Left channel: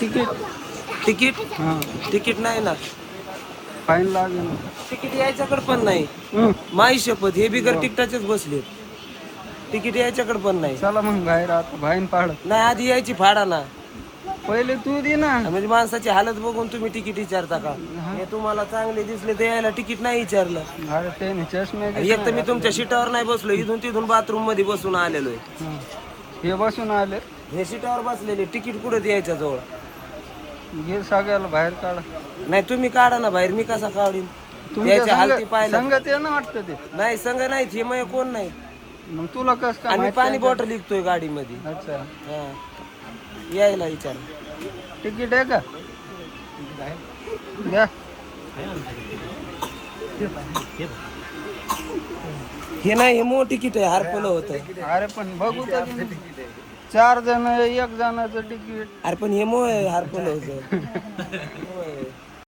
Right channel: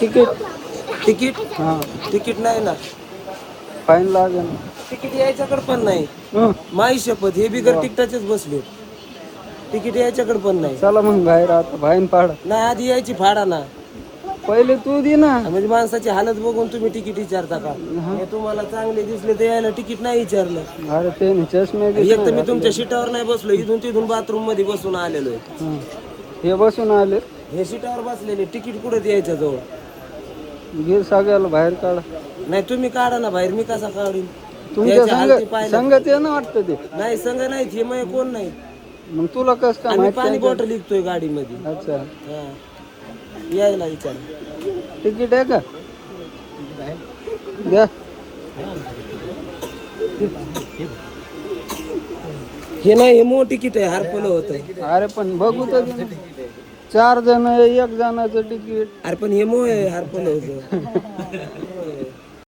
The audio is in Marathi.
तिकीट तिकीट हा तिकीट नाही ना, फाईन लागेल. तिकीट यायच्याकडे पण नाही. माई शपथ, हे बिगर तिकटाचेच बसले. तिकीट यायच्याकडे पण नाही. चला मग बाहेर आता बाहेर पाड. नाही, आधी यायची फाडा ना. पहिले तू दे ना. म्हणजे माणसाची हालत बघून तुम्ही तिकीट विचारता का? हे तुम्हाला चांगले दिसले तर यायला तिकीट नाही विचारलं. अरे ते नाही चष्मे एक तर मी तुमच्या सीटावर नाही बसलो, इथून तिथून बाथरूम मध्ये बसून आलेलो आहे. हे बसून आले. हे सीटावर बसलेले, तिकीट कुठं द्यायच्या जवळ. घे सगळ्याला बाहेर काढा. नाही तुम्ही काढा ना बाहेर, मी कसा काढीन? तुमच्या त्याची हालती पाहिलं संगत आहे ना वाटतं ते. नाही, संघ नाही, हे मग कोण नाही. मग तुला कस काय आम्ही माहित पाणी काय? बॉटल विकतोय गाडीमध्ये. अच्छा, हा, यायला विचार. तिकीट आहे का? घ्या. हे नाही, हे मोठं तिकीट आहे, हरपलं होतं. अरे पण बघू तर दे ना. 4 जण 1 जणाचं तिकीट. अरे पण हे मोह आहे, हरपलं होतं.